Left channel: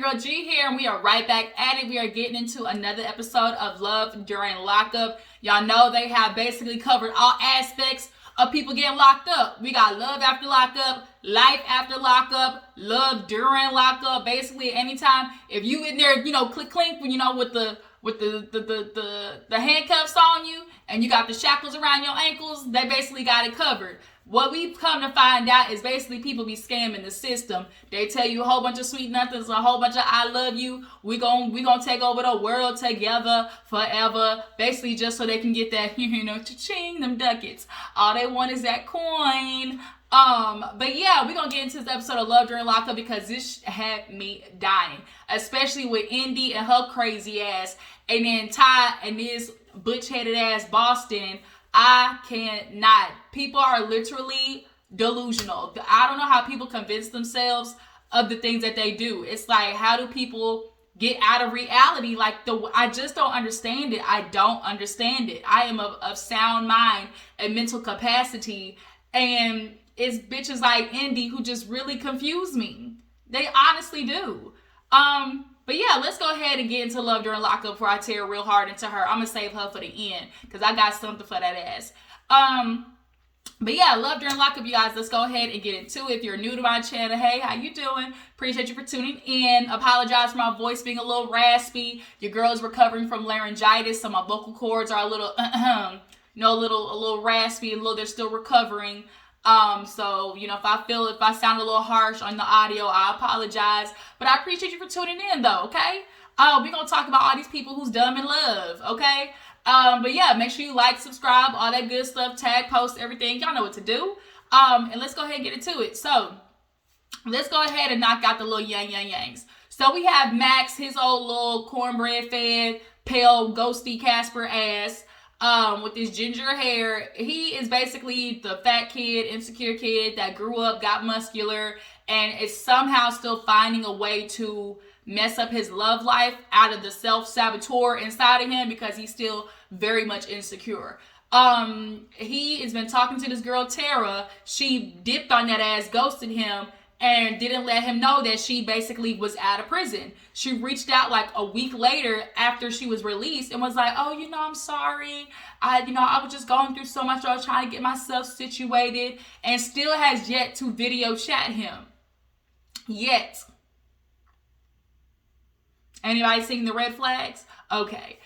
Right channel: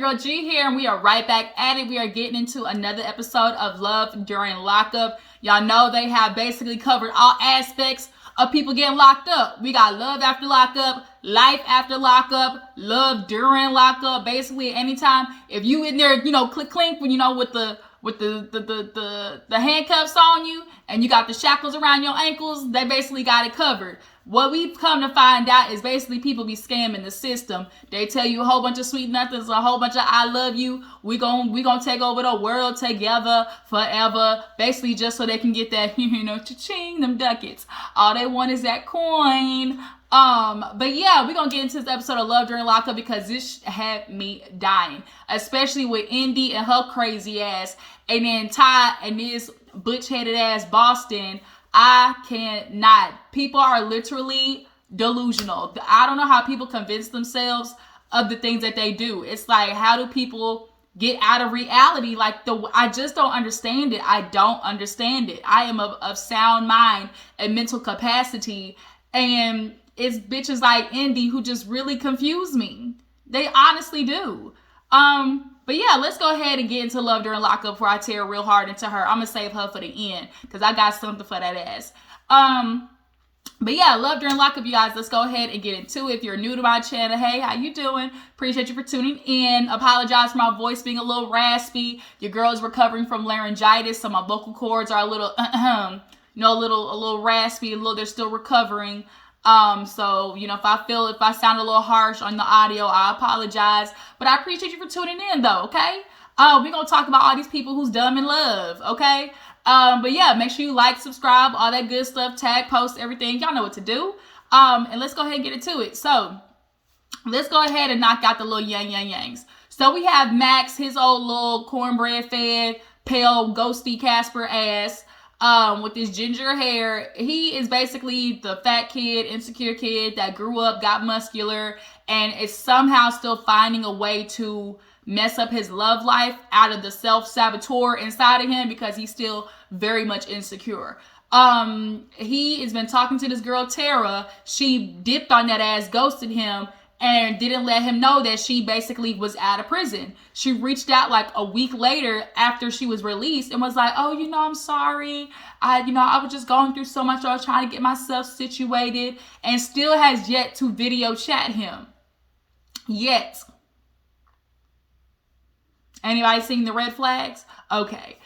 your girl G here, and we are right back at it. We are getting into another episode of Love During Lockup. Y'all know they have basically covered all aspects of people getting locked up. We got love after lockup, life after lockup, love during lockup. Basically, anytime if you in there, click clink when with the handcuffs on you and you got the shackles around your ankles, they basically got it covered. What we've come to find out is basically people be scamming the system. They tell you a whole bunch of sweet nothings, a whole bunch of I love you. We gonna take over the world together forever. Basically just so they can get that, cha-ching, them ducats. All they want is that coin. But yeah, we're gonna get into this episode of Love During Lockup because this had me dying. Especially with Indy and her crazy ass. And then Ty and this butch-headed ass Boston. I cannot. People are literally delusional. I don't know how people convince themselves of the things that they do. It's like, how do people get out of reality? I just don't understand it. I don't understand it. I am of sound mind and mental capacity. And it's bitches like Indy who just really confuse me. They honestly do. But yeah, let's go ahead and get into Love During Lockup before I tear real hard into her. I'm gonna save her for the end because I got something for that ass. But yeah, Love During Lockup, you guys. Let's go ahead and get into it. If you're new to my channel, hey, how you doing? Appreciate you for tuning in. Apologize for my voice being a little raspy. Your girl's recovering from laryngitis, so my vocal cords are a little, a little raspy, they're still recovering. So, if I sound a little harsh on the audio, I apologize, but I appreciate you for tuning in though. Okay. We're going to talk about all these people who's dumb in love. Okay. But yeah, make sure you like, subscribe, all that good stuff, tag, post, everything. Y'all know what to do. And let's go ahead and get into it. So let's go ahead and knock out the little yangs. So we have Max, his old little cornbread fed, pale, ghosty Casper ass. With his ginger hair. He is basically the fat kid, insecure kid that grew up, got muscular, and is somehow still finding a way to mess up his love life out of the self-saboteur inside of him because he's still very much insecure. He has been talking to this girl, Tara. She dipped on that ass, ghosted him, and didn't let him know that she basically was out of prison. She reached out like a week later after she was released and was like, oh, I'm sorry. I was just going through so much. I was trying to get myself situated, and still has yet to video chat him. Yet. Anybody seeing the red flags? Okay.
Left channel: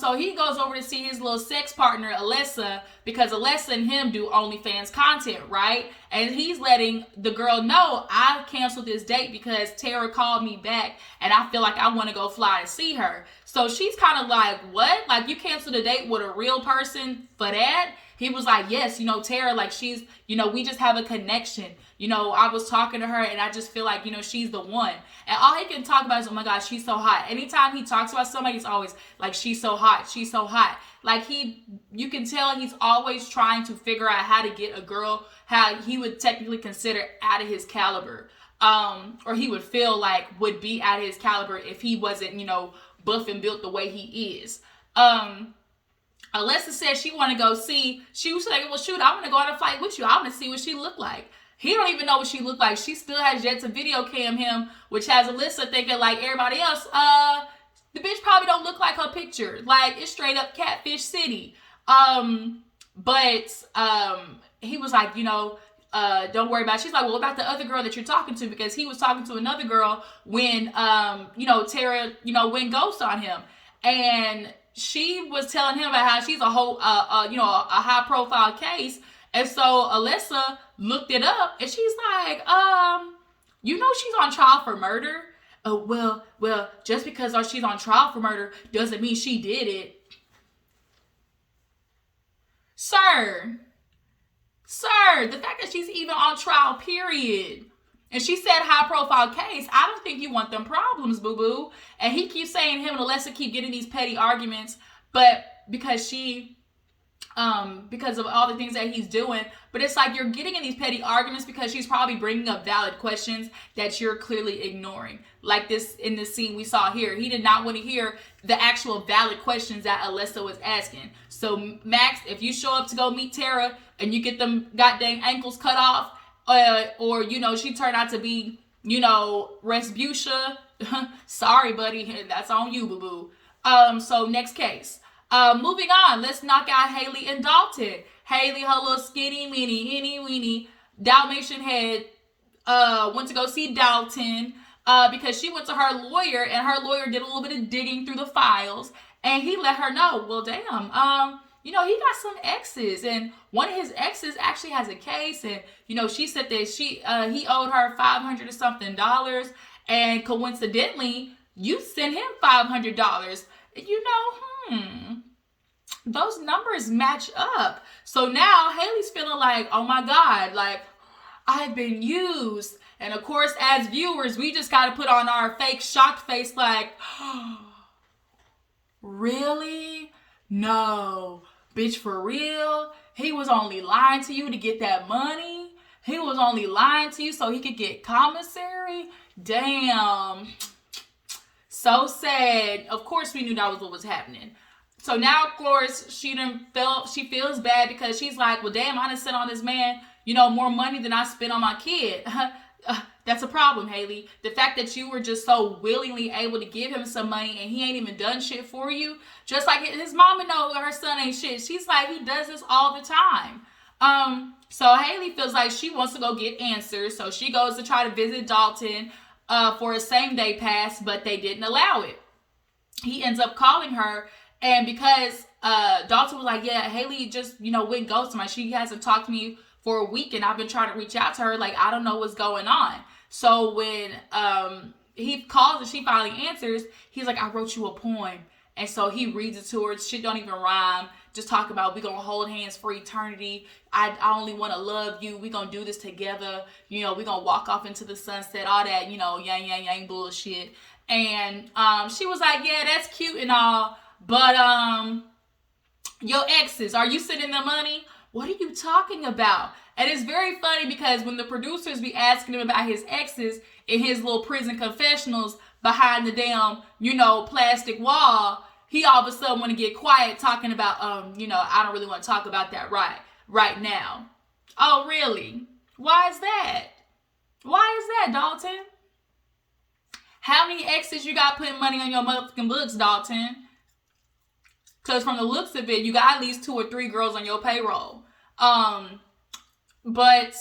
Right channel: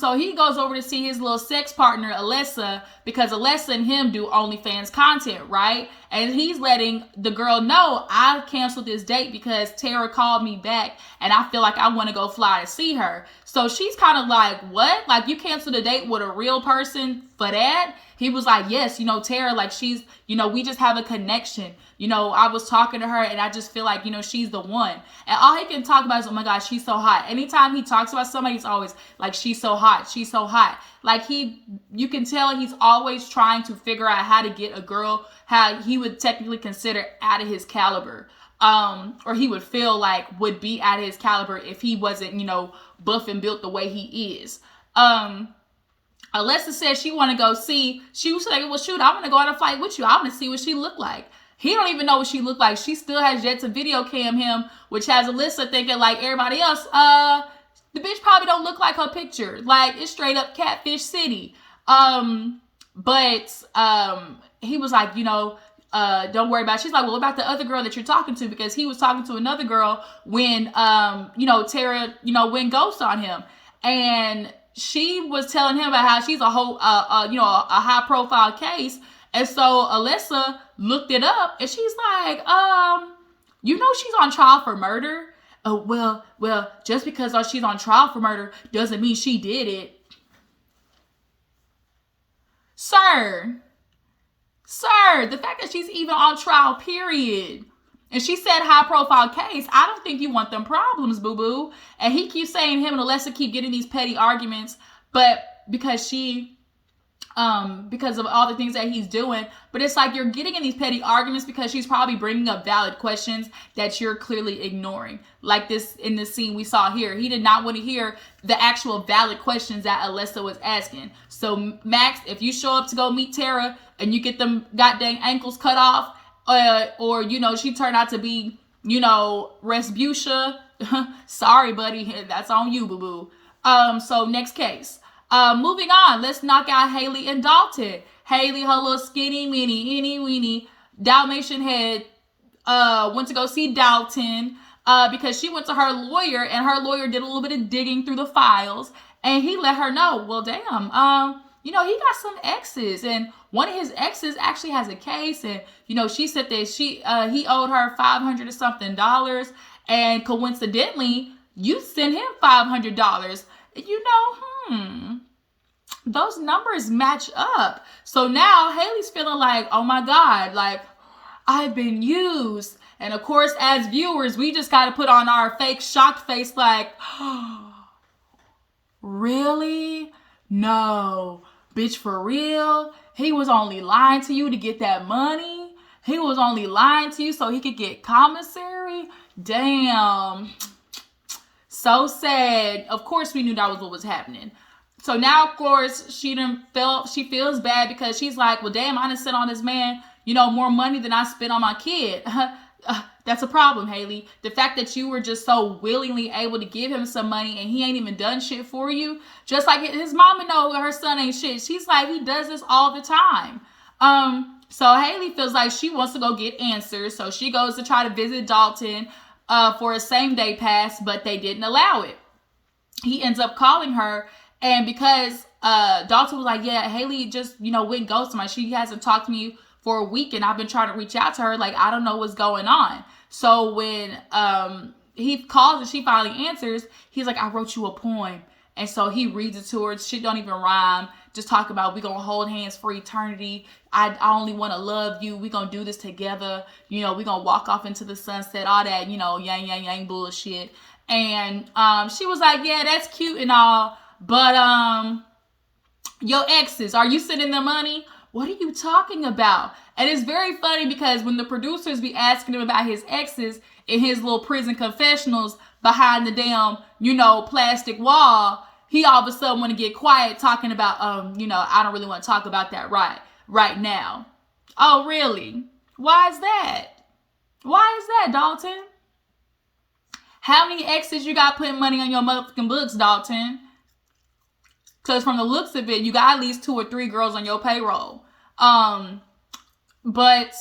So he goes over to see his little sex partner, Alessa, because Alessa and him do OnlyFans content, right? And he's letting the girl know, I canceled this date because Tara called me back and I feel like I want to go fly to see her. So she's kind of like, what? Like, you canceled a date with a real person for that? He was like, yes, Tara, like, she's, we just have a connection. I was talking to her and I just feel like, she's the one. And all he can talk about is, oh my God, she's so hot. Anytime he talks about somebody, he's always like, she's so hot. She's so hot. Like, you can tell he's always trying to figure out how to get a girl, how he would technically consider out of his caliber. Or he would feel like would be out of his caliber if he wasn't, buff and built the way he is. Alessa said she want to go see. She was like, well, shoot, I want to go on a flight with you. I want to see what she looked like. He don't even know what she looked like. She still has yet to video cam him, which has Alessa thinking like everybody else, the bitch probably don't look like her picture. Like, it's straight up catfish city. But he was like, don't worry about it. She's like, well, about the other girl that you're talking to, because he was talking to another girl when, Tara, went ghost on him. And she was telling him about how she's a whole, a high profile case. And so Alessa looked it up and she's like, she's on trial for murder. Oh, well, just because she's on trial for murder doesn't mean she did it. Sir, the fact that she's even on trial, period. And she said high profile case. I don't think you want them problems, boo-boo. And he keeps saying him and Alessa keep getting these petty arguments, but because of all the things that he's doing. But it's like you're getting in these petty arguments because she's probably bringing up valid questions that you're clearly ignoring. Like this in this scene we saw here. He did not want to hear the actual valid questions that Alessa was asking. So Max, if you show up to go meet Tara and you get them goddamn ankles cut off, or she turned out to be, Respucia, Sorry, buddy. That's on you, boo-boo. So next case. Moving on. Let's knock out Haley and Dalton. Haley, her little skinny, mini, itty, weeny Dalmatian head, went to go see Dalton, because she went to her lawyer, and her lawyer did a little bit of digging through the files, and he let her know, well, damn, he got some exes, and one of his exes actually has a case, and, she said that he owed her $500 or something, and coincidentally, you sent him $500. Those numbers match up. So now Haley's feeling like, oh my God, like, I've been used. And of course, as viewers, we just got to put on our fake shocked face like, oh, really? No. Bitch, for real? He was only lying to you to get that money? He was only lying to you so he could get commissary? Damn. So sad. Of course, we knew that was what was happening. So now, of course, she feels bad because she's like, well, damn, I done sent on this man, more money than I spent on my kid. That's a problem, Haley. The fact that you were just so willingly able to give him some money and he ain't even done shit for you. Just like his mama know her son ain't shit. She's like, he does this all the time. So Haley feels like she wants to go get answers. So she goes to try to visit Dalton for a same day pass, but they didn't allow it. He ends up calling her, and because Dalton was like, yeah, Haley just, went ghosting me. She hasn't talked to me for a week, and I've been trying to reach out to her. Like, I don't know what's going on. So when he calls and she finally answers, he's like, I wrote you a poem. And so he reads it to her. Shit don't even rhyme. Just talk about, we gonna hold hands for eternity. I only want to love you. We gonna do this together. We gonna walk off into the sunset. All that, yang, yang, yang bullshit. And she was like, yeah, that's cute and all. But your exes, are you sending them money? What are you talking about? And it's very funny because when the producers be asking him about his exes in his little prison confessionals behind the damn, plastic wall, he all of a sudden want to get quiet talking about, I don't really want to talk about that right now. Oh, really? Why is that? Why is that, Dalton? How many exes you got putting money on your motherfucking books, Dalton? Because from the looks of it, you got at least 2 or 3 girls on your payroll. But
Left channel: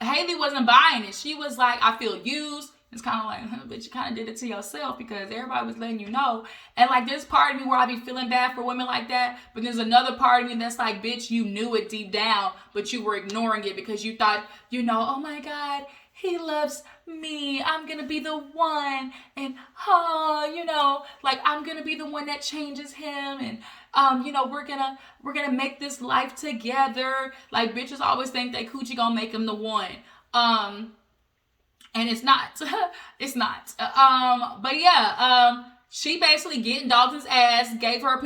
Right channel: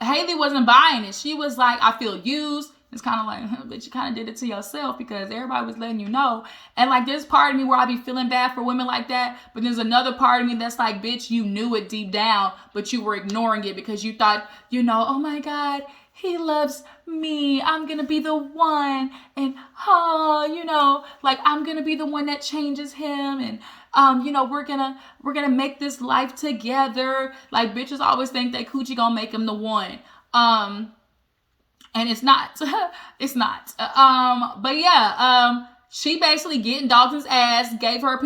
Haley wasn't buying it. She was like, I feel used. It's kind of like, bitch, you kind of did it to yourself because everybody was letting you know. And like, there's part of me where I be feeling bad for women like that. But there's another part of me that's like, bitch, you knew it deep down, but you were ignoring it because you thought, oh my God, he loves me. I'm going to be the one. And, like I'm going to be the one that changes him. And, we're going to make this life together. Like bitches always think that coochie going to make him the one. And it's not, it's not. But yeah, she basically getting Dalton's ass, gave him a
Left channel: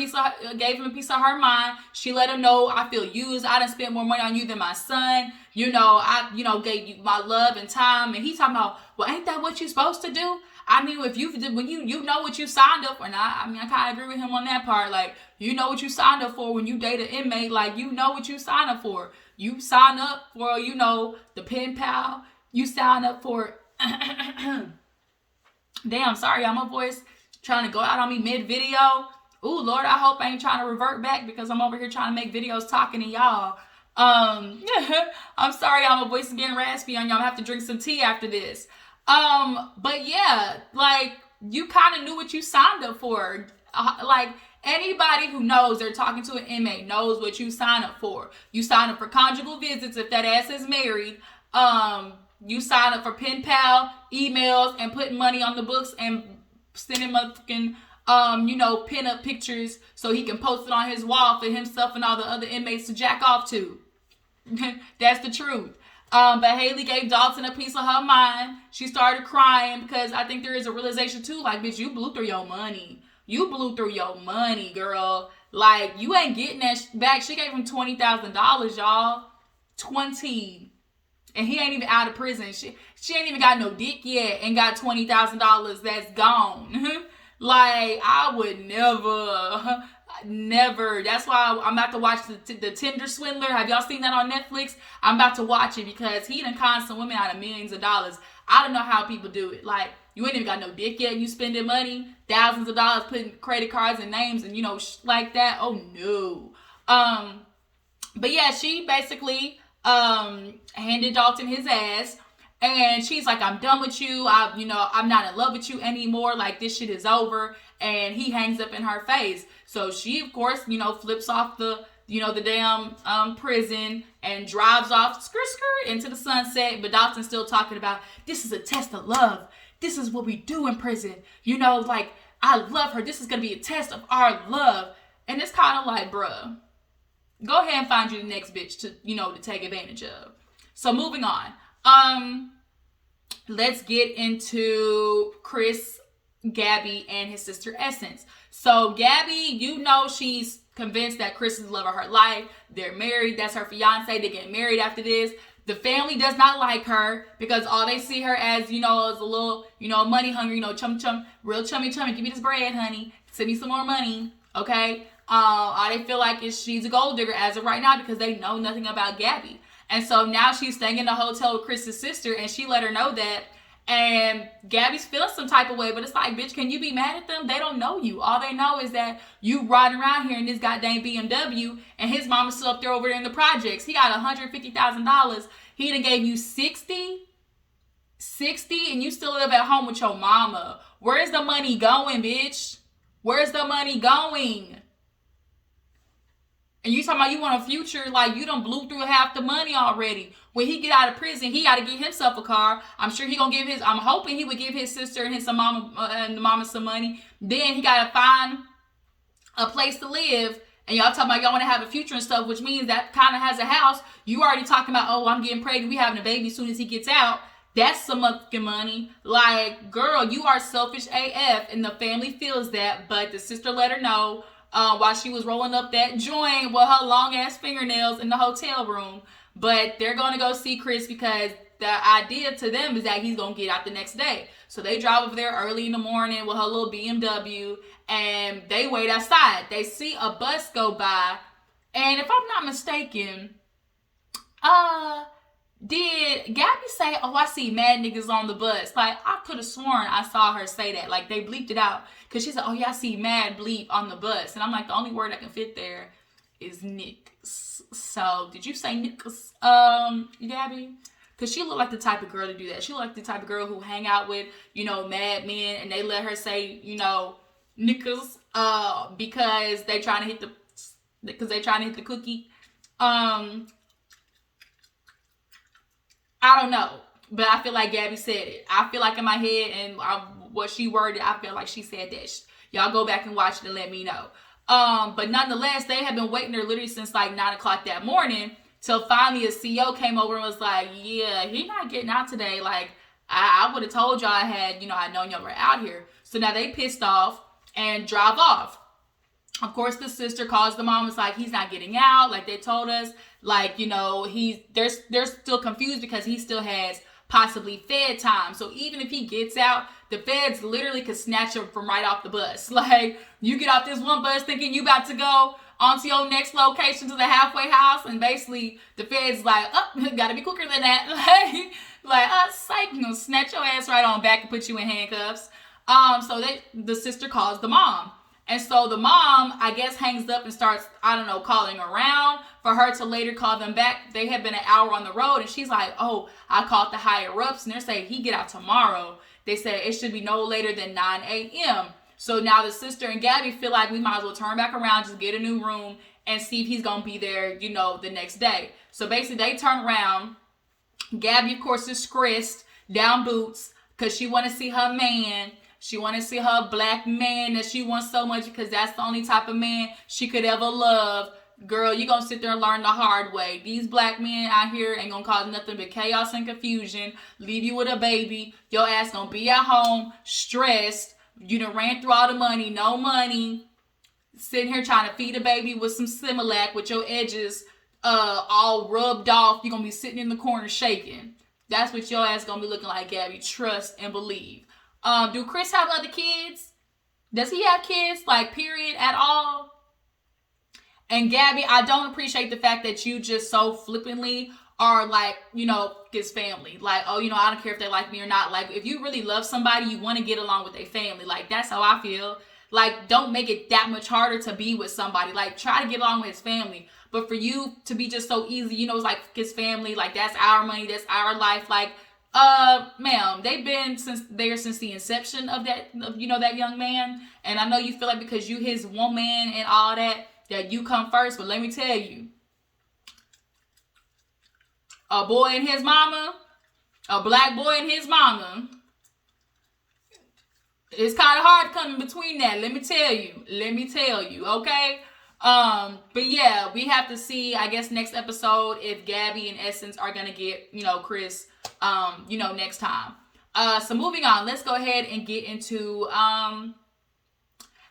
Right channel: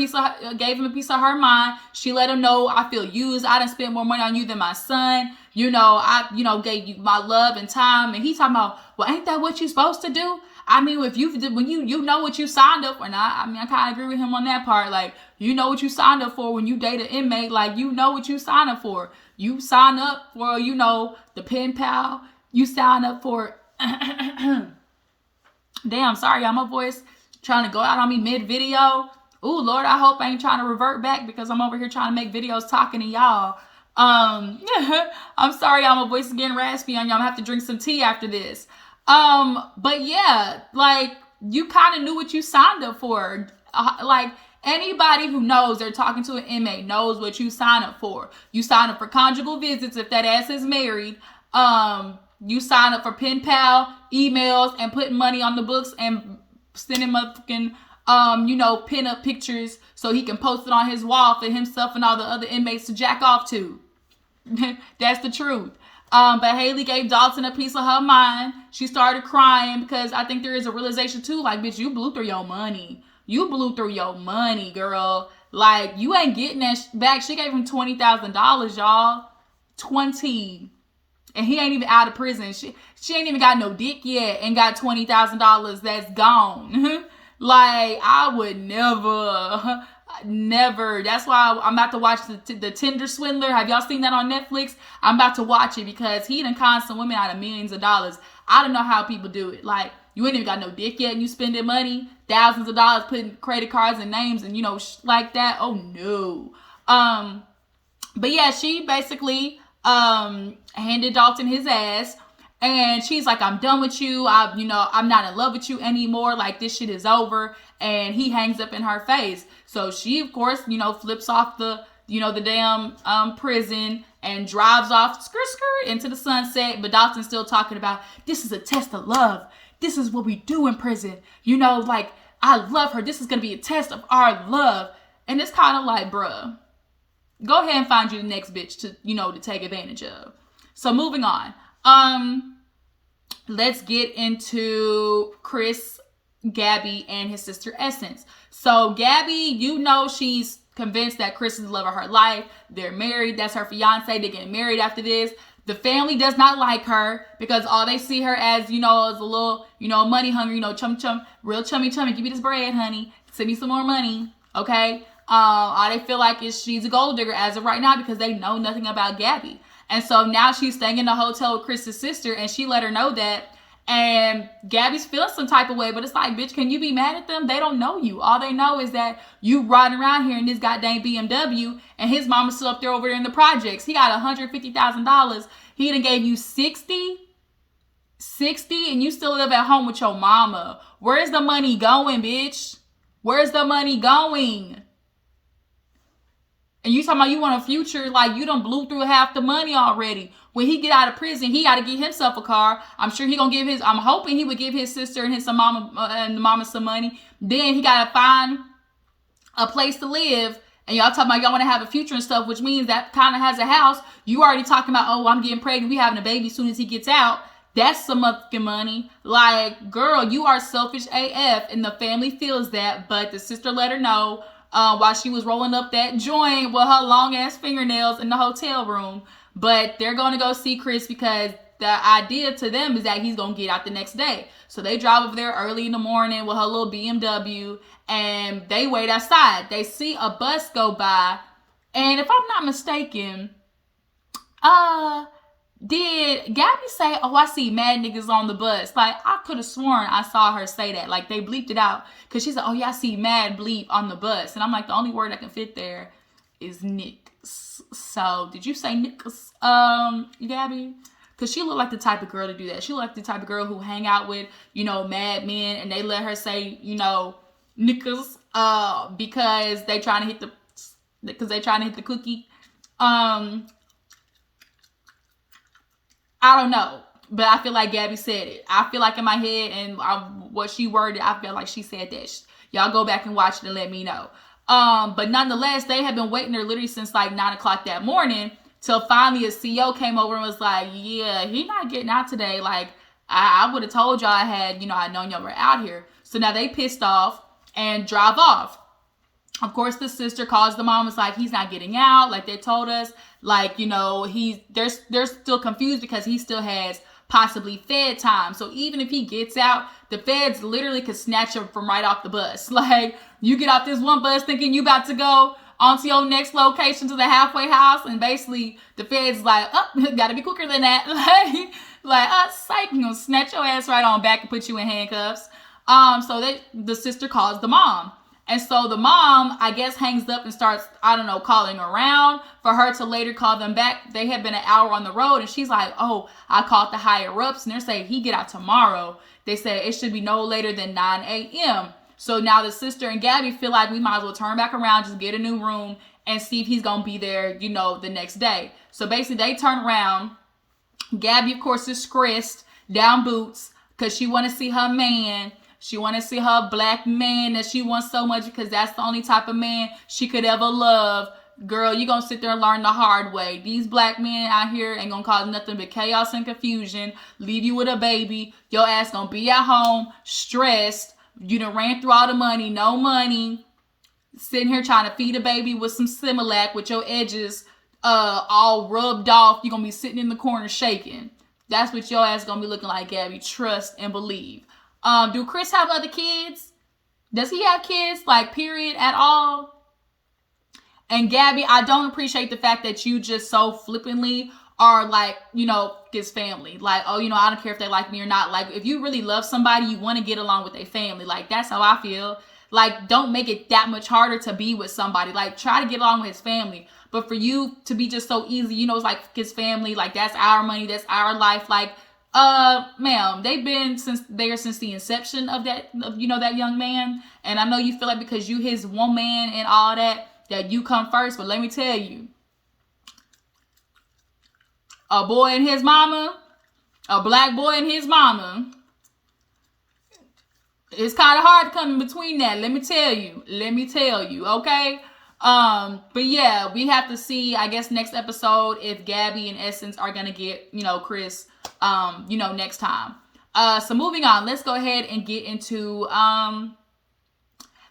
piece of her mind. She let him know, I feel used. I done spent more money on you than my son. I, gave you my love and time. And he's talking about, well, ain't that what you're supposed to do? I mean, when you know what you signed up for, and I kind of agree with him on that part. Like, you know what you signed up for when you date an inmate. Like, you know what you signed up for. You sign up for, the pen pal. You sign up for, damn, sorry, y'all, my voice trying to go out on me mid-video. Ooh, Lord, I hope I ain't trying to revert back because I'm over here trying to make videos talking to y'all. I'm sorry, y'all, my voice is getting raspy on y'all. I'm gonna have to drink some tea after this. But yeah, like, you kind of knew what you signed up for. Like, anybody who knows they're talking to an inmate knows what you sign up for. You sign up for conjugal visits if that ass is married. You sign up for pen pal, emails, and putting money on the books and sending motherfucking, pin up pictures so he can post it on his wall for himself and all the other inmates to jack off to. That's the truth. But Haley gave Dalton a piece of her mind. She started crying because I think there is a realization too, like, bitch, you blew through your money. You blew through your money, girl. Like, you ain't getting that back. She gave him $20,000, y'all. 20. And he ain't even out of prison. She ain't even got no dick yet and got $20,000 that's gone. Like, I would never. That's why I'm about to watch the Tinder Swindler. Have y'all seen that on Netflix? I'm about to watch it because he done conned some women out of millions of dollars. I don't know how people do it. Like, You ain't even got no dick yet and you spending money, thousands of dollars putting credit cards and names and, like that. Oh, no. But yeah, she basically handed Dalton his ass. And she's like, I'm done with you. I'm not in love with you anymore. Like, this shit is over. And he hangs up in her face. So she, of course, flips off the damn prison and drives off into the sunset. But Dalton's still talking about, this is a test of love. This is what we do in prison. Like, I love her. This is going to be a test of our love. And it's kind of like, bruh, go ahead and find you the next bitch to take advantage of. So moving on. Let's get into Chris, Gabby, and his sister Essence. So Gabby, she's convinced that Chris is the love of her life. They're married. That's her fiance. They're getting married after this. The family does not like her because all they see her as, is a little, money hungry, real chummy. Give me this bread, honey. Send me some more money. Okay. All they feel like is she's a gold digger as of right now because they know nothing about Gabby. And so now she's staying in the hotel with Chris's sister and she let her know that. And Gabby's feeling some type of way, but it's like, bitch, can you be mad at them? They don't know you. All they know is that you riding around here in this goddamn BMW and his mama's still up there over there in the projects. He got $150,000. He done gave you 60 and you still live at home with your mama. Where's the money going, bitch? Where's the money going? And you talking about you want a future, like you done blew through half the money already. When he get out of prison, he got to get himself a car. I'm sure he gonna I'm hoping he would give his sister and his mama and the mama some money. Then he got to find a place to live. And y'all talking about y'all want to have a future and stuff, which means that kind of has a house. You already talking about, oh, I'm getting pregnant. We having a baby as soon as he gets out. That's some motherfucking money. Like, girl, you are selfish AF. And the family feels that. But the sister let her know. While she was rolling up that joint with her long ass fingernails in the hotel room. But they're going to go see Chris because the idea to them is that he's going to get out the next day. So they drive over there early in the morning with her little BMW and they wait outside. They see a bus go by. And if I'm not mistaken, did Gabby say, oh, I see mad niggas on the bus? Like, I could have sworn I saw her say that. Like, they bleeped it out. Because she said, oh, yeah, I see mad bleep on the bus. And I'm like, the only word that can fit there is niggas. So, did you say niggas, Gabby? Because she looked like the type of girl to do that. She looked like the type of girl who hang out with, mad men. And they let her say, niggas, because they trying to hit the cookie. I don't know, but I feel like Gabby said it. I feel like in my head and what she worded, I feel like she said that. Y'all go back and watch it and let me know. But nonetheless, they had been waiting there literally since like 9 o'clock that morning till finally a CEO came over and was like, yeah, he not getting out today. Like, I would have told y'all I had, I known y'all were out here. So now they pissed off and drive off. Of course, the sister calls the mom. It's like, he's not getting out. Like they told us, like, they're still confused because he still has possibly Fed time. So even if he gets out, the feds literally could snatch him from right off the bus. Like, you get off this one bus thinking you about to go onto your next location to the halfway house. And basically the feds like, oh, gotta be quicker than that. Psych, snatch your ass right on back and put you in handcuffs. So the sister calls the mom. And so the mom, I guess, hangs up and starts, calling around for her to later call them back. They had been an hour on the road and she's like, oh, I called the higher ups and they're saying he get out tomorrow. They said it should be no later than 9 a.m. So now the sister and Gabby feel like we might as well turn back around, just get a new room and see if he's going to be there, the next day. So basically they turn around. Gabby, of course, is stressed, down boots, because she want to see her man. She want to see her black man that she wants so much because that's the only type of man she could ever love. Girl, you going to sit there and learn the hard way. These black men out here ain't going to cause nothing but chaos and confusion. Leave you with a baby. Your ass going to be at home, stressed. You done ran through all the money, no money. Sitting here trying to feed a baby with some Similac with your edges all rubbed off. You're going to be sitting in the corner shaking. That's what your ass going to be looking like, Gabby. Trust and believe. Do Chris have other kids? Does he have kids? Like, period, at all? And Gabby, I don't appreciate the fact that you just so flippantly are like, his family. Like, oh, I don't care if they like me or not. Like, if you really love somebody, you want to get along with their family. Like, that's how I feel. Like, don't make it that much harder to be with somebody. Like, try to get along with his family. But for you to be just so easy, it's like his family, like that's our money, that's our life. Like, ma'am, they've been since the inception of that, that young man. And I know you feel like because you his woman and all that you come first. But let me tell you, a boy and his mama, a black boy and his mama, it's kind of hard to come in between that. Let me tell you, okay? But yeah, we have to see, I guess, next episode if Gabby and Essence are gonna get, Chris, next time. So moving on, let's go ahead and get into,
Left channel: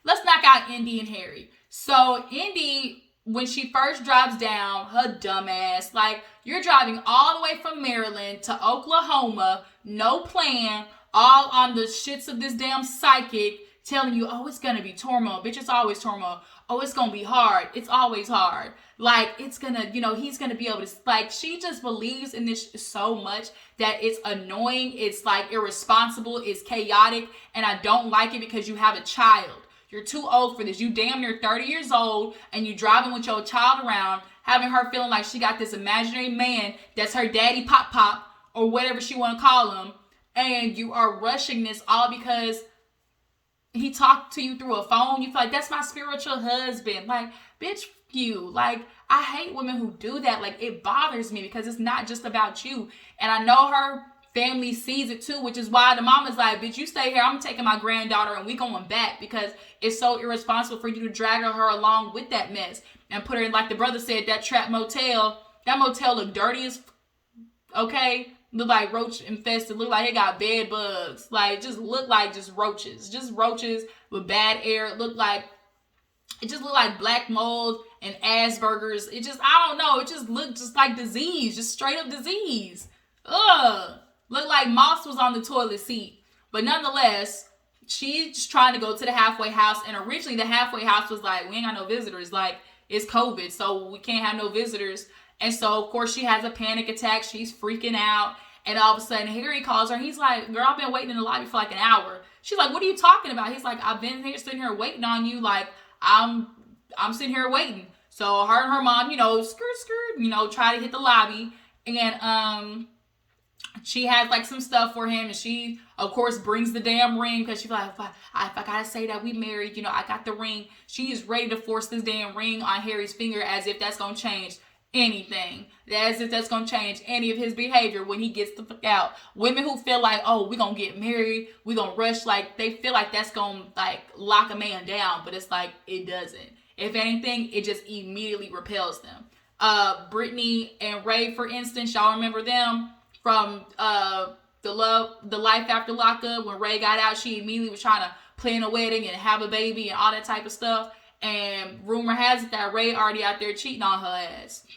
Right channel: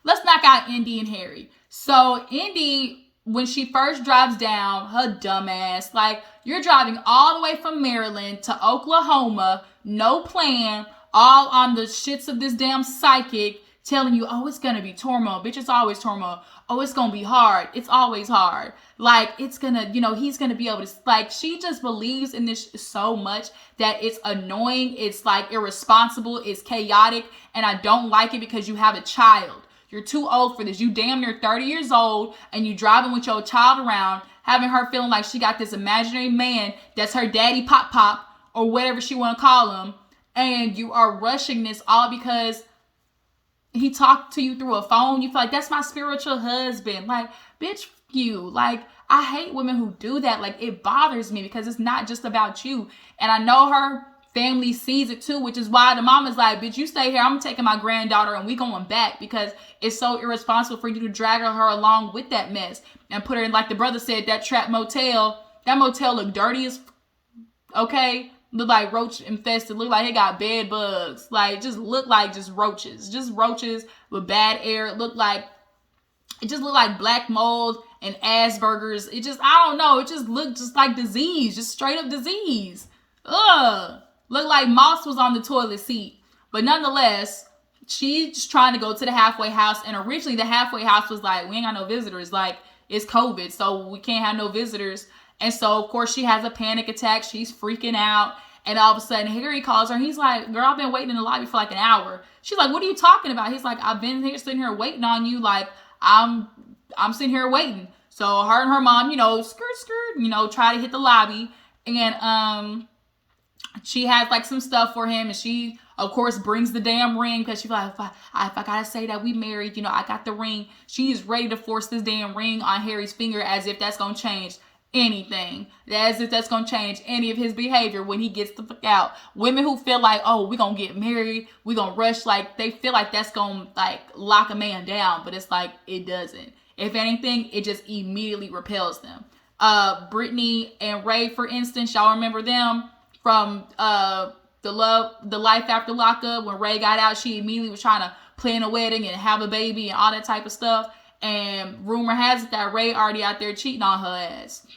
let's knock out Indy and Harry. So Indy, when she first drives down, her dumbass, like, you're driving all the way from Maryland to Oklahoma, no plan, all on the shits of this damn psychic telling you, oh, it's gonna be turmoil. Bitch, it's always turmoil. Oh, it's gonna be hard. It's always hard. Like, it's gonna, he's gonna be able to, like, she just believes in this so much that it's annoying. It's like irresponsible. It's chaotic. And I don't like it because you have a child. You're too old for this. You damn near 30 years old and you driving with your child around, having her feeling like she got this imaginary man that's her daddy pop or whatever she want to call him. And you are rushing this all because he talked to you through a phone. You feel like, that's my spiritual husband. Like, bitch, you. Like, I hate women who do that. Like, it bothers me because it's not just about you. And I know her family sees it too, which is why the mama's like, bitch, you stay here. I'm taking my granddaughter and we going back because it's so irresponsible for you to drag her along with that mess and put her in, like the brother said, that trap motel. That motel looked dirty as, okay? Look like roach infested. Look like it got bed bugs. Like, just look like just roaches. Just roaches with bad air. It just looked like black mold and Asperger's. It just, I don't know. It just looked just like disease. Just straight up disease. Ugh. Looked like moss was on the toilet seat. But nonetheless, she's trying to go to the halfway house. And originally the halfway house was like, we ain't got no visitors. Like, it's COVID, so we can't have no visitors. And so, of course, she has a panic attack. She's freaking out. And all of a sudden, Harry calls her. He's like, girl, I've been waiting in the lobby for like an hour. She's like, what are you talking about? He's like, I've been here sitting here waiting on you. Like, I'm sitting here waiting. So her and her mom, skirt, try to hit the lobby. And she has like some stuff for him. And she, of course, brings the damn ring because she's like, if I gotta say that we married, I got the ring. She is ready to force this damn ring on Harry's finger as if that's going to change anything, as if that's gonna change any of his behavior when he gets the fuck out. Women who feel like, oh, we're gonna get married, we're gonna rush, like they feel like that's gonna like lock a man down, but it's like it doesn't. If anything, it just immediately repels them. Brittany and Ray, for instance, y'all remember them from the Life After Lockup. When Ray got out, she immediately was trying to plan a wedding and have a baby and all that type of stuff. And rumor has it that Ray already out there cheating on her ass.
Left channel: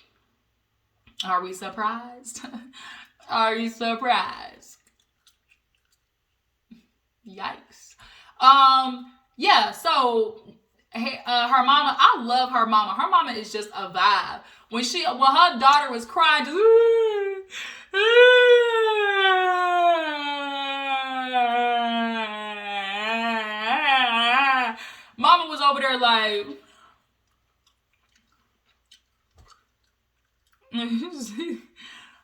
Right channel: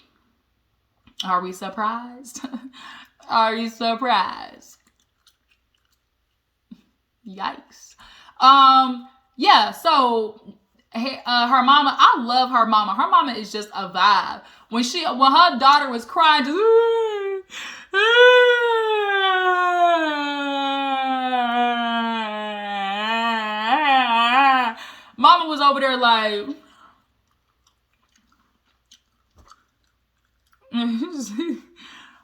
Are we surprised? Are you surprised? Yikes. Yeah, so her mama, I love her mama. Her mama is just a vibe. When her daughter was crying, mama was over there like,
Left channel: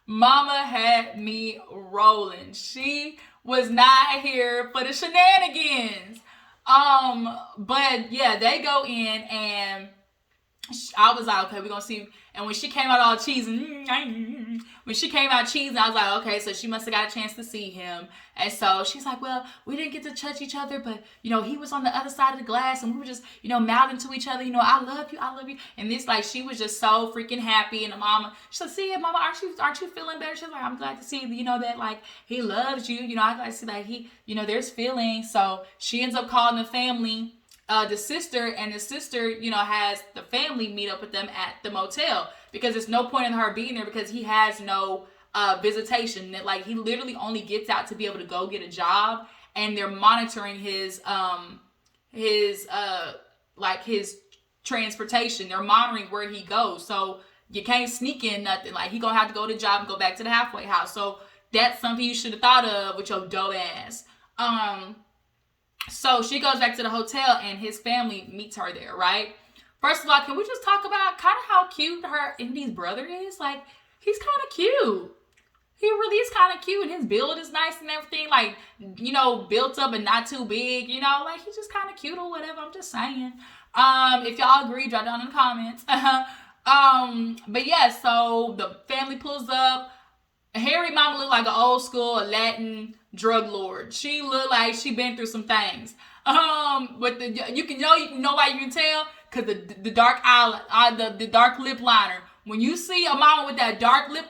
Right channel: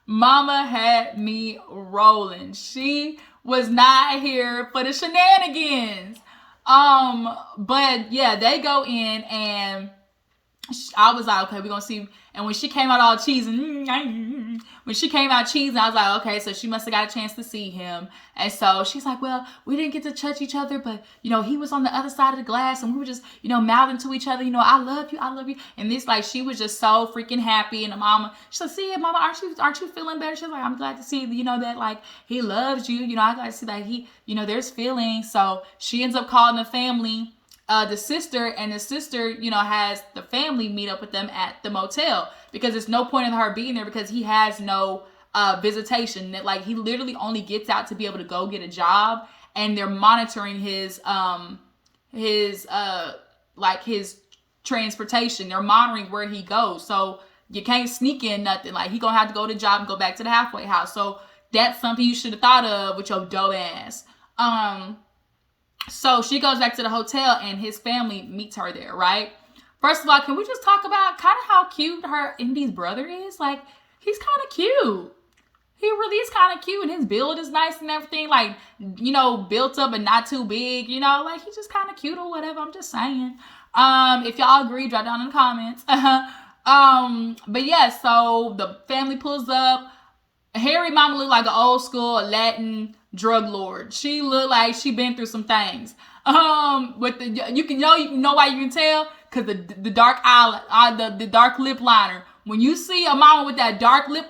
mama had me rolling. She was not here for the shenanigans. But yeah, they go in and I was like, okay, we're gonna see. And when she came out all cheesing, I was like, okay, so she must have got a chance to see him. And so she's like, well, we didn't get to touch each other, but, he was on the other side of the glass and we were just, mouthing to each other, I love you. And this, like, she was just so freaking happy. And the mama, she's like, see, mama, aren't you feeling better? She's like, I'm glad to see, that, like, he loves you. I'm glad to see that he, there's feelings. So she ends up calling the family. The sister has the family meet up with them at the motel because there's no point in her being there because he has no visitation. That like he literally only gets out to be able to go get a job, and they're monitoring his transportation. They're monitoring where he goes. So you can't sneak in nothing. Like, he gonna have to go to the job and go back to the halfway house. So that's something you should have thought of with your dope ass. So she goes back to the hotel and his family meets her there, right? First of all, can we just talk about kind of how cute her Indy's brother is? Like, he's kind of cute. He really is kind of cute, and his build is nice and everything. Like, you know, built up and not too big, you know? Like, he's just kind of cute or whatever. I'm just saying. If y'all agree, drop down in the comments. But yeah, so the family pulls up. Harry mama looked like an old school Latin drug lord. She looked like she been through some things. With the you know why you can tell, because the dark eye, the dark lip liner. When you see a mama with that dark lip,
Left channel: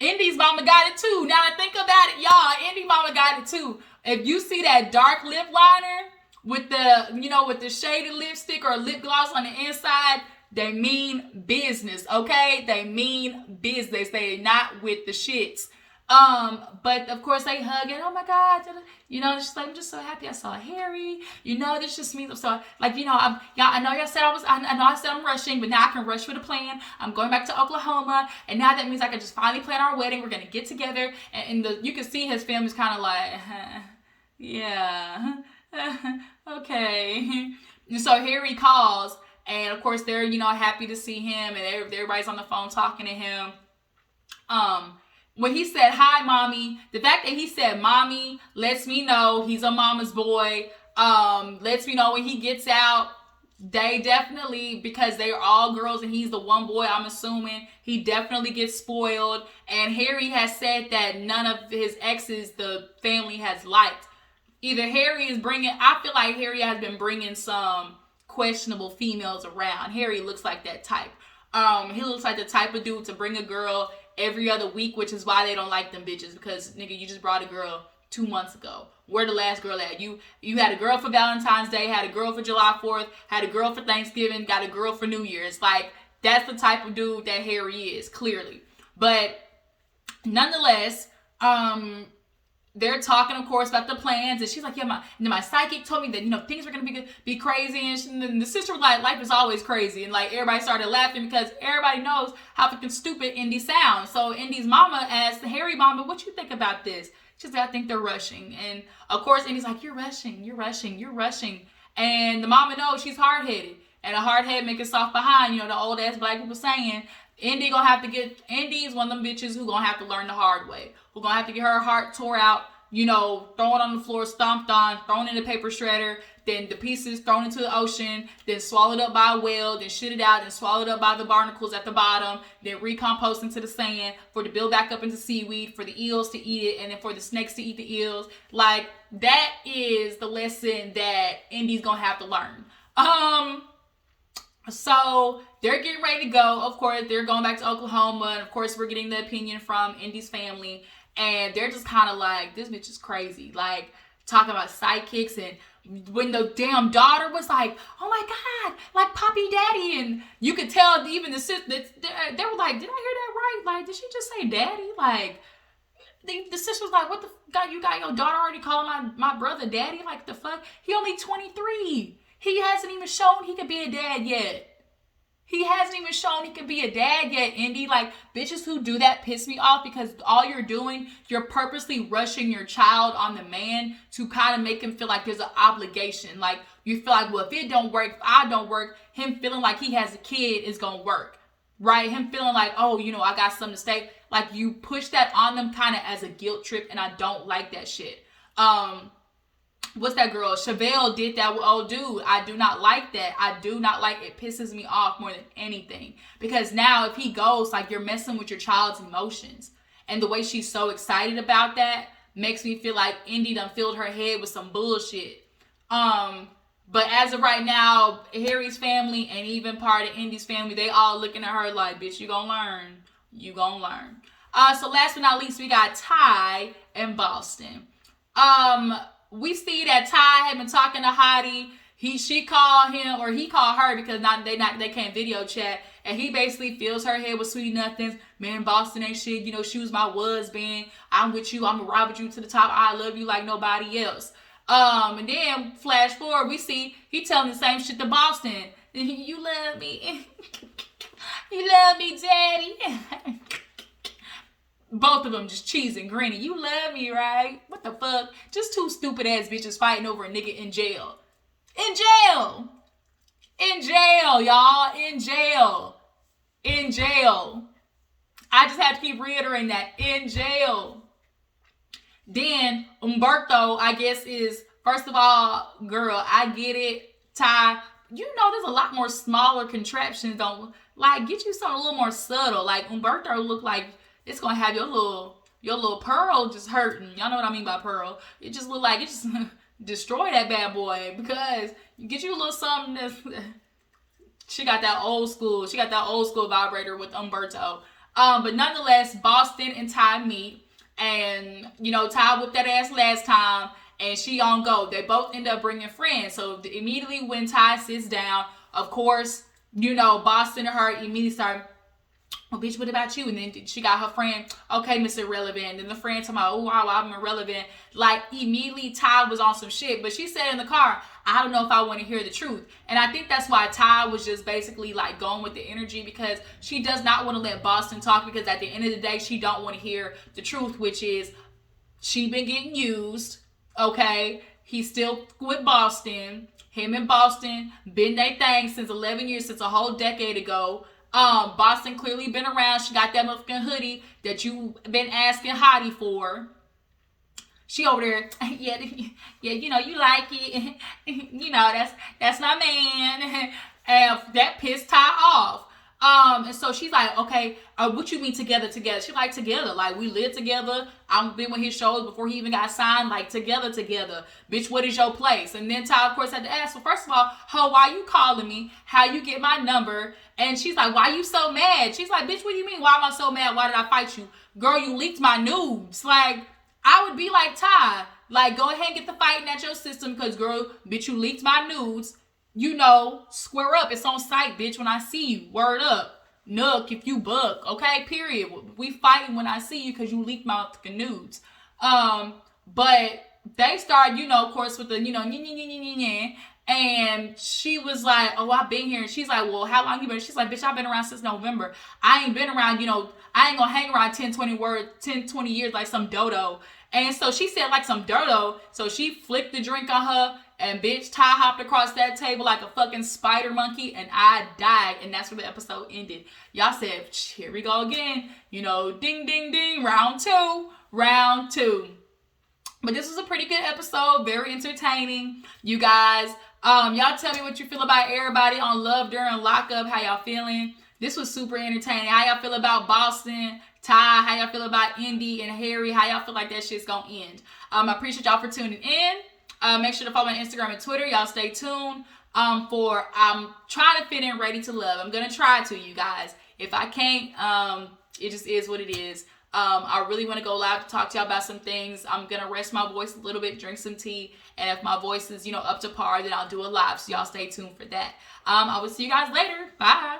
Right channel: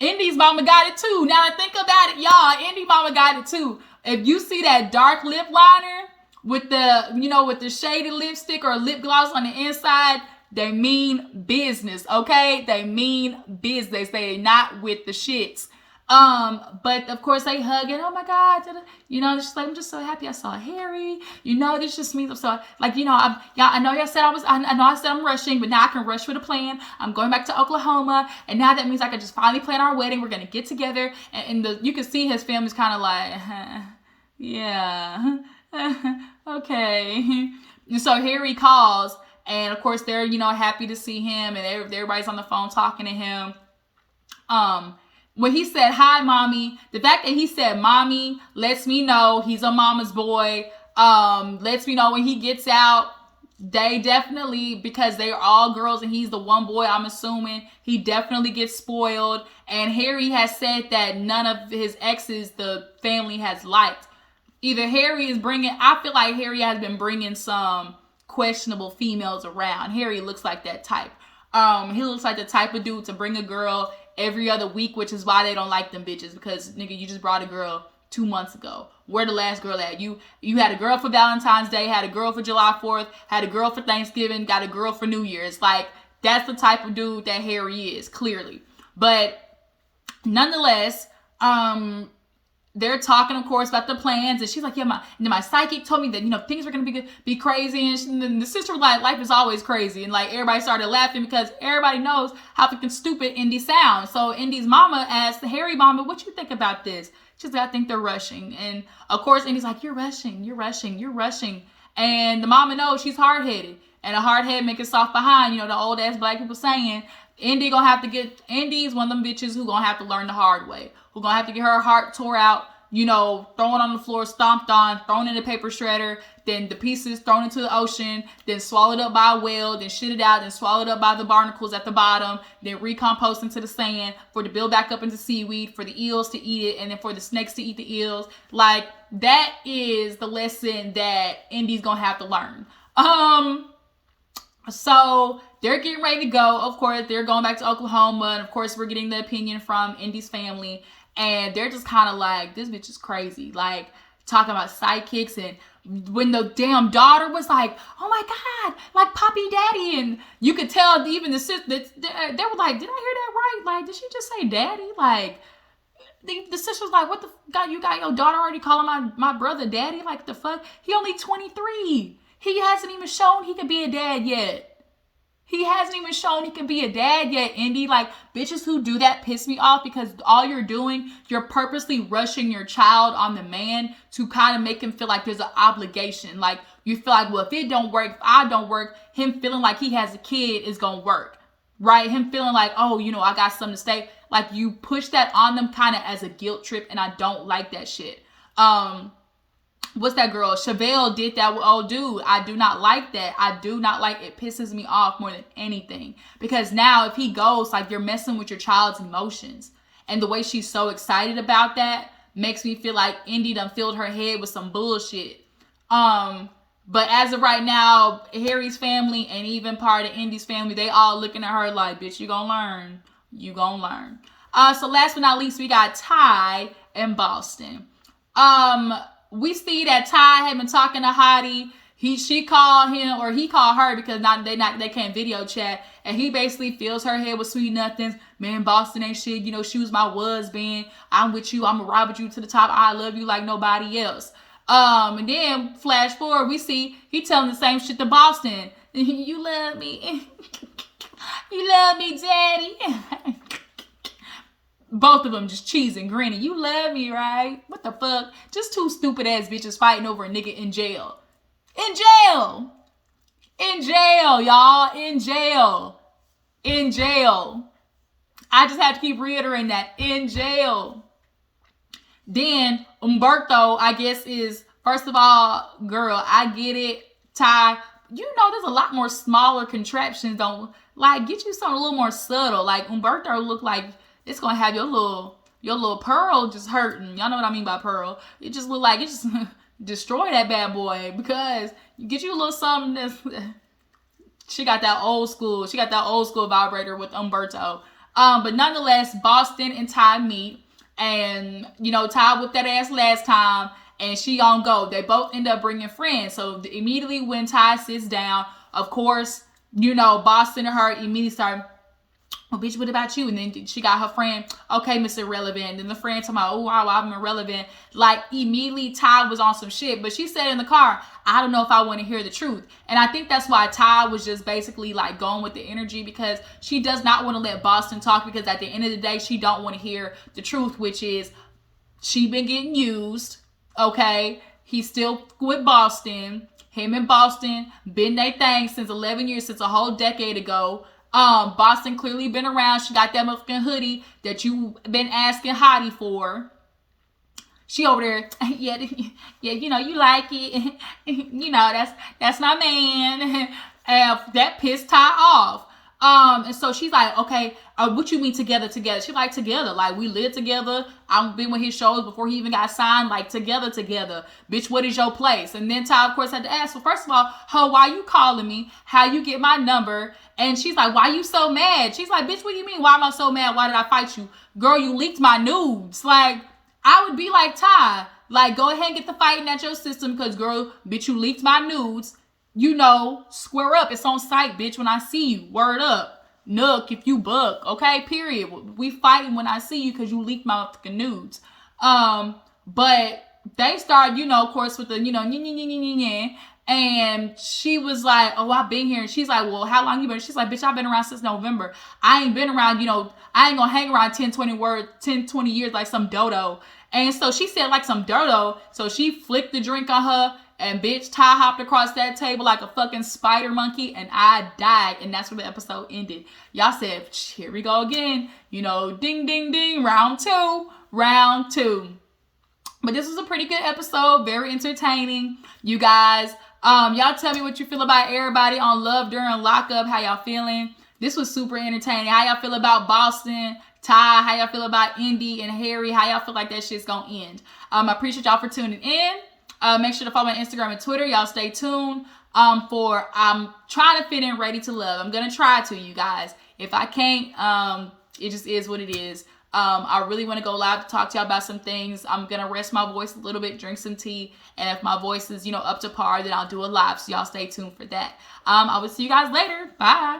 Indy's mama got it too. Now think about it, y'all. Indy mama got it too. If you see that dark lip liner with the shaded lipstick or lip gloss on the inside, they mean business, okay? They mean business. They not with the shits. But of course they hug it. Oh my God. You know, she's like, I'm just so happy I saw Harry. You know, this just means I'm so, like, you know, I know y'all said I know I said I'm rushing, but now I can rush for the plan. I'm going back to Oklahoma. And now that means I can just finally plan our wedding. We're going to get together. And you can see his family's kind of like, yeah, okay. So Harry calls. And of course, they're, you know, happy to see him, and everybody's on the phone talking to him. When he said, hi, mommy, the fact that he said mommy lets me know he's a mama's boy. Lets me know when he gets out, they definitely, because they are all girls and he's the one boy, I'm assuming, he definitely gets spoiled. And Harry has said that none of his exes the family has liked. Either Harry is I feel like Harry has been bringing some questionable females around. Harry looks like that type. He looks like the type of dude to bring a girl every other week, which is why they don't like them bitches, because nigga, you just brought a girl 2 months ago. Where the last girl at? You had a girl for Valentine's Day, had a girl for July 4th, had a girl for Thanksgiving, got a girl for New Year's. Like, that's the type of dude that Harry is, clearly. But nonetheless, they're talking, of course, about the plans, and she's like, yeah, my psychic told me that, you know, things are going to be crazy, and the sister was like, life is always crazy, and like, everybody started laughing because everybody knows how fucking stupid Indy sounds. So Indy's mama asked Harry mama, what you think about this? She's like, I think they're rushing. And of course, Indy's like, you're rushing. And the mama knows she's hard-headed, and a hard head make it soft behind, you know, the old ass black people saying. Indy's one of them bitches who gonna have to learn the hard way. Who gonna have to get her heart tore out, you know, thrown on the floor, stomped on, thrown in the paper shredder, then the pieces thrown into the ocean, then swallowed up by a whale, then shit it out, then swallowed up by the barnacles at the bottom, then recompost into the sand, for to build back up into seaweed, for the eels to eat it, and then for the snakes to eat the eels. Like, that is the lesson that Indy's gonna have to learn. So they're getting ready to go. Of course, they're going back to Oklahoma, and of course, we're getting the opinion from Indy's family. And they're just kind of like, this bitch is crazy. Like, talking about sidekicks. And when the damn daughter was like, oh my God, like Poppy Daddy. And you could tell even the sister, they were like, did I hear that right? Like, did she just say daddy? Like, the sister was like, what the God, you got your daughter already calling my brother daddy? Like, the fuck? He only 23. He hasn't even shown he can be a dad yet. He hasn't even shown he can be a dad yet, Indy. Like, bitches who do that piss me off, because all you're doing, you're purposely rushing your child on the man to kind of make him feel like there's an obligation. Like, you feel like, well, if it don't work, if I don't work, him feeling like he has a kid is going to work, right? Him feeling like, oh, you know, I got something to say. Like, you push that on them kind of as a guilt trip, and I don't like that shit. What's that girl? Chevelle did that with old dude. I do not like that. I do not like it. Pisses me off more than anything. Because now if he goes, like, you're messing with your child's emotions. And the way she's so excited about that makes me feel like Indy done filled her head with some bullshit. But as of right now, Harry's family and even part of Indy's family, they all looking at her like, bitch, you gonna learn. You gonna learn. So last but not least, we got Ty in Boston. We see that Ty had been talking to Hottie. She called him, or he called her, because they can't video chat, and he basically fills her head with sweet nothings. Man, Boston ain't shit. You know, she was my husband. I'm with you. I'm gonna ride with you to the top. I love you like nobody else. And then flash forward, we see he telling the same shit to Boston. You love me. You love me, daddy. Both of them just cheesing, grinning. You love me, right? What the fuck? Just two stupid ass bitches fighting over a nigga in jail. In jail. In jail, y'all. In jail. In jail. I just have to keep reiterating that. In jail. Then Umberto, I guess, is, first of all, girl, I get it. Ty, you know there's a lot more smaller contraptions. Don't, like, get you something a little more subtle. Like, Umberto look like it's gonna have your little pearl just hurting. Y'all know what I mean by pearl. It just look like it just destroy that bad boy, because you get you a little something that's she got that old school vibrator with Umberto. But nonetheless, Boston and Ty meet, and you know Ty whipped that ass last time, and she on go. They both end up bringing friends. So immediately when Ty sits down, of course, you know Boston and her immediately start, well, bitch, what about you? And then she got her friend, okay, Mr. Irrelevant. And then the friend talking about, oh, wow, I'm irrelevant. Like, immediately Ty was on some shit. But she said in the car, I don't know if I want to hear the truth. And I think that's why Ty was just basically, like, going with the energy, because she does not want to let Boston talk, because at the end of the day, she don't want to hear the truth, which is she been getting used, okay? He's still with Boston. Him and Boston been their thing since 11 years, since a whole decade ago. Boston clearly been around. She got that motherfucking hoodie that you been asking Hottie for. She over there, yeah, you know, you like it. You know, that's my man. And that pissed Ty off. And so she's like, okay, what you mean together? She like, together. Like, we live together. I've been with his shows before he even got signed. Like, together. Bitch, what is your place? And then Ty, of course, had to ask, well, first of all, why you calling me? How you get my number? And she's like, why you so mad? She's like, bitch, what do you mean? Why am I so mad? Why did I fight you? Girl, you leaked my nudes. Like, I would be like, Ty, like, go ahead and get the fighting at your system, because, girl, bitch, you leaked my nudes. You know, square up. It's on site, bitch, when I see you. Word up. Nook, if you buck. Okay, period. We fighting when I see you because you leaked my fucking nudes. But they start, you know, of course, with the, you know, and she was like, oh, I've been here. And she's like, well, how long you been? She's like, bitch, I've been around since November. I ain't been around, you know, I ain't gonna hang around 10, 20 years like some dodo. And so she said like some dodo. So she flicked the drink on her. And bitch, Ty hopped across that table like a fucking spider monkey, and I died. And that's where the episode ended. Y'all said, here we go again. You know, ding, ding, ding, round two. But this was a pretty good episode, very entertaining. You guys, y'all tell me what you feel about everybody on Love During Lockup. How y'all feeling? This was super entertaining. How y'all feel about Boston, Ty? How y'all feel about Indy and Harry? How y'all feel like that shit's gonna end? I appreciate y'all for tuning in. Make sure to follow me on Instagram and Twitter. Y'all stay tuned for I'm trying to fit in Ready to Love. I'm going to try to, you guys. If I can't, it just is what it is. I really want to go live to talk to y'all about some things. I'm going to rest my voice a little bit, drink some tea. And if my voice is, you know, up to par, then I'll do a live. So y'all stay tuned for that. I will see you guys later. Bye.